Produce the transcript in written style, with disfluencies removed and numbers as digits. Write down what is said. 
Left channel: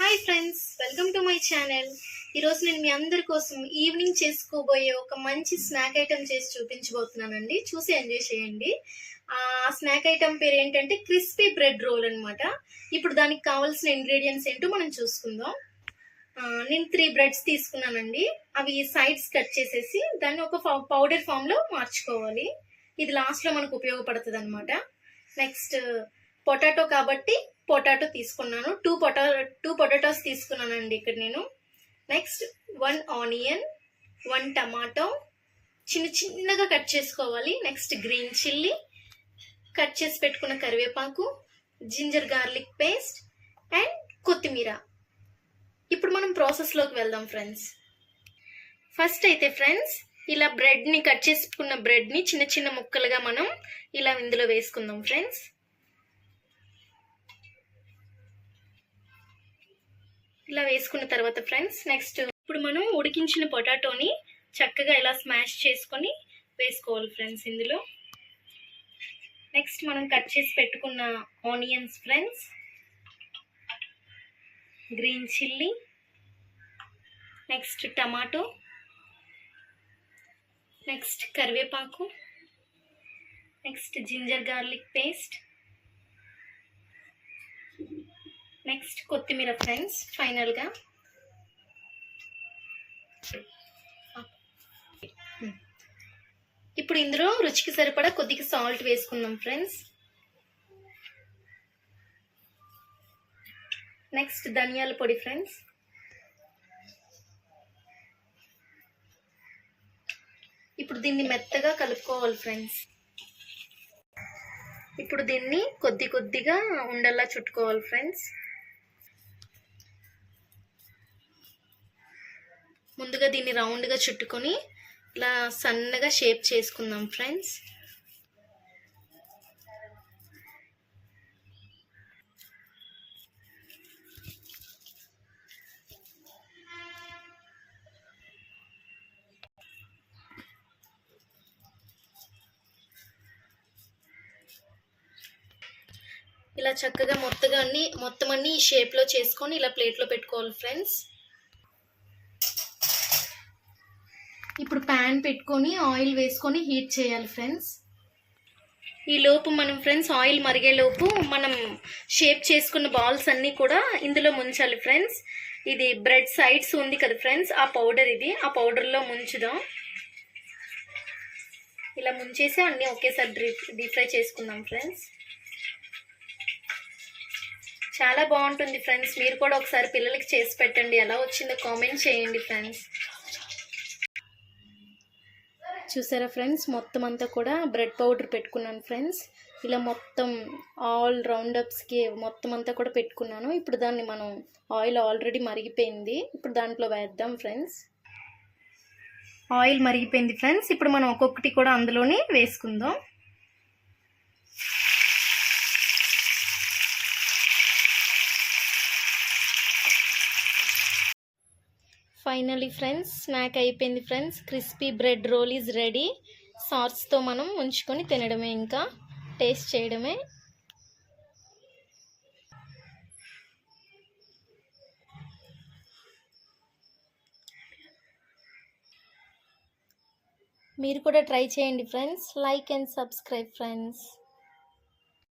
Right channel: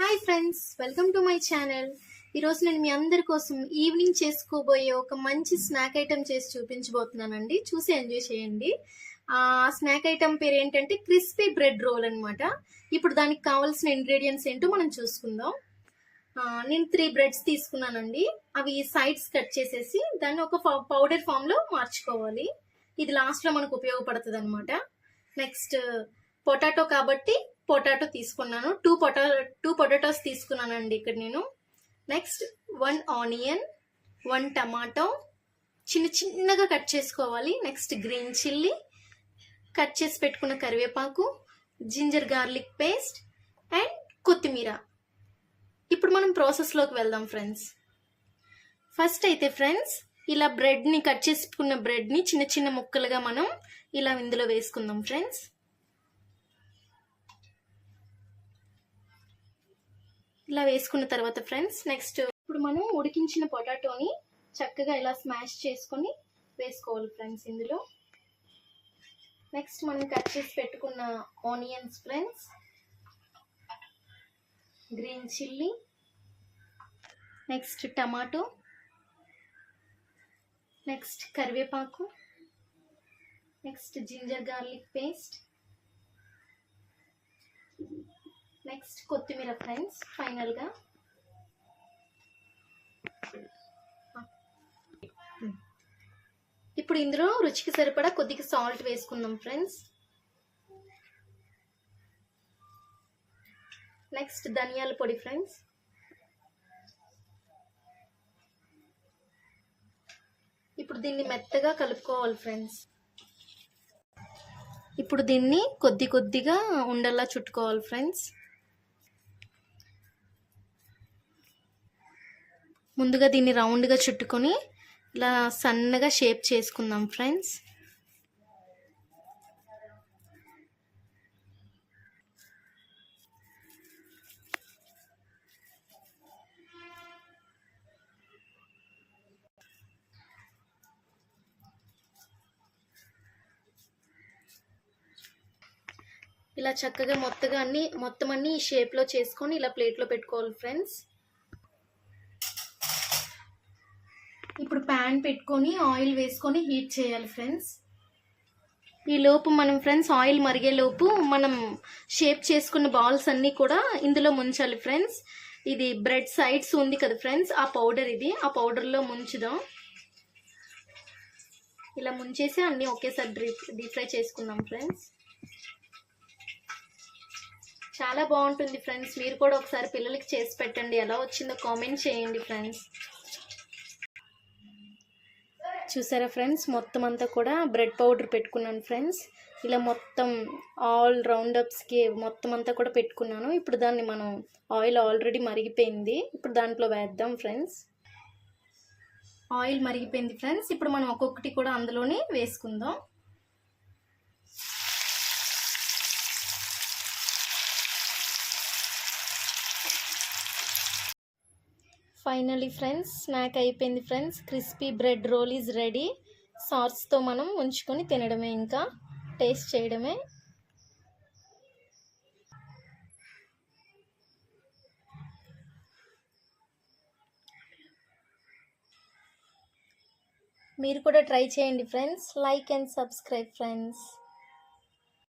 Hi friends, welcome to my channel. ఈరోజు నేను మీ అందరి కోసం ఈవినింగ్ చేసుకోబోయే ఒక మంచి స్నాక్ ఐటెం చేసి చూపించబోతున్నానండి. చూసి ఎంజాయ్ చేయండి. ఆ స్నాక్ ఐటెం పేరు ఏంటంటే క్రిస్పీ బ్రెడ్ రోల్ అనమాట. ఇప్పుడు దానికి కావాల్సిన ఇంగ్రీడియంట్స్ ఏంటో మనం చూసుకుందాం. నేను 3 బ్రెడ్స్ తీసుకున్నానండి. అవి సైడ్స్ కట్ చేసేసి దాన్ని ఒక పౌడర్ ఫామ్లో మార్చుకోవాలి. ఇది లాస్ట్లో మనకు ఉపయోగపడుతుంది అనమాట. నెక్స్ట్ పొటాటో కాబట్టి పొటాటో తీసుకున్నాను. టూ పొటాటోస్ తీసుకున్నానండి ఇక్కడ నేను. నెక్స్ట్ 1 ఆనియన్, 1 టమాటో చిన్నగా కట్ చేసుకోవాలి. నెక్స్ట్ గ్రీన్ చిల్లీ, కట్ చేసి పెట్టుకున్న కరివేపాకు, జింజర్ గార్లిక్ పేస్ట్ అండ్ కొత్తిమీర. ఇప్పుడు మనం ప్రాసెస్లోకి వెళ్దాం ఫ్రెండ్స్. ఫస్ట్ అయితే ఫ్రెండ్స్, ఇలా బ్రెడ్ని కట్ చేసుకున్న బ్రెడ్ని చిన్న ముక్కలుగా మనం ఇలా ఇందులో వేసుకుందాం ఫ్రెండ్స్. ఇలా వేసుకున్న తర్వాత ఫ్రెండ్స్, నెక్స్ట్ ఇప్పుడు మనం ఉడికించిన పొటాటోని చక్కగా ఇలా స్మాష్ చేసుకొని వేసుకోవాలి ఫ్రెండ్స్ ఇందులో. నెక్స్ట్ మనం కట్ చేసి పెట్టుకున్న onions friends, green chilli, next tomato, next కరివేపాకు, next ginger garlic paste, next కొత్తిమీర ఫ్రెండ్స్ ఫైనల్గా. ఇప్పుడు ఇందులో రుచికి సరిపడా కొద్దిగా సాల్ట్ వేసుకుందాం ఫ్రెండ్స్. నెక్స్ట్ ధనియాల పొడి ఫ్రెండ్స్. ఇప్పుడు దీన్ని మెత్తగా కలుపుకోవాలి ఫ్రెండ్స్. ఇప్పుడు దీన్ని కొద్దిగా ఉండల్లా చుట్టుకోవాలి ఫ్రెండ్స్. ముందుగా దీన్ని రౌండ్గా చుట్టుకొని ఇలా సన్నగా షేప్ చేసుకుందాం ఫ్రెండ్స్. ఇలా చక్కగా మొత్తం అన్ని ఈ షేప్లో చేసుకొని ఇలా ప్లేట్లో పెట్టుకోవాలి ఫ్రెండ్స్. ఇప్పుడు ప్యాన్ పెట్టుకొని ఆయిల్ వేసుకొని హీట్ చేయాలి ఫ్రెండ్స్. ఈ లోపు మనం ఫ్రెండ్స్ ఆయిల్ మరిగేలోపు మనం షేప్ చేసుకున్న బాల్స్ అన్నీ కూడా ఇందులో ముంచాలి ఫ్రెండ్స్. ఇది బ్రెడ్ సైడ్స్ ఉంది కదా ఫ్రెండ్స్, ఆ పౌడర్ ఇది. ఆ పౌడర్లో ముంచుదాం. ఇలా ముంచేసి అన్నీ ఒకేసారి డీప్ ఫ్రై చేసుకుందాం ఫ్రెండ్స్. చాలా బాగుంటుంది ఫ్రెండ్స్. మీరు కూడా ఒకసారి పిల్లలకి చేసి పెట్టండి. ఎలా వచ్చిందో కామెంట్ చేయండి ఫ్రెండ్స్. చూసారా ఫ్రెండ్స్, మొత్తం అంతా కూడా బ్రెడ్ పౌడర్ పెట్టుకున్నాను ఫ్రెండ్స్. ఇలా మొత్తం ఆల్ రౌండప్స్కి మొత్తం అంతా కూడా పెట్టుకున్నాను. ఇప్పుడు దాన్ని మనం ఆయిల్ ఆల్రెడీ మరిగిపోయింది. ఇప్పుడు దాంట్లో వేద్దాం ఫ్రెండ్స్. Oil మరిగిపోయింది friends. ఇప్పుడు మనం ఒక్కొక్కటి కూడా అందులోనే వేసుకుందాం. ఫైనలీ ఫ్రెండ్స్, స్నాక్ అయిపోయింది friends. Crispy bread roll is ready. సాస్తో మనం ఉంచుకొని తినడమే, ఇంకా టేస్ట్ చేయడమే. మీరు కూడా ట్రై చేయండి friends. Like and subscribe friends.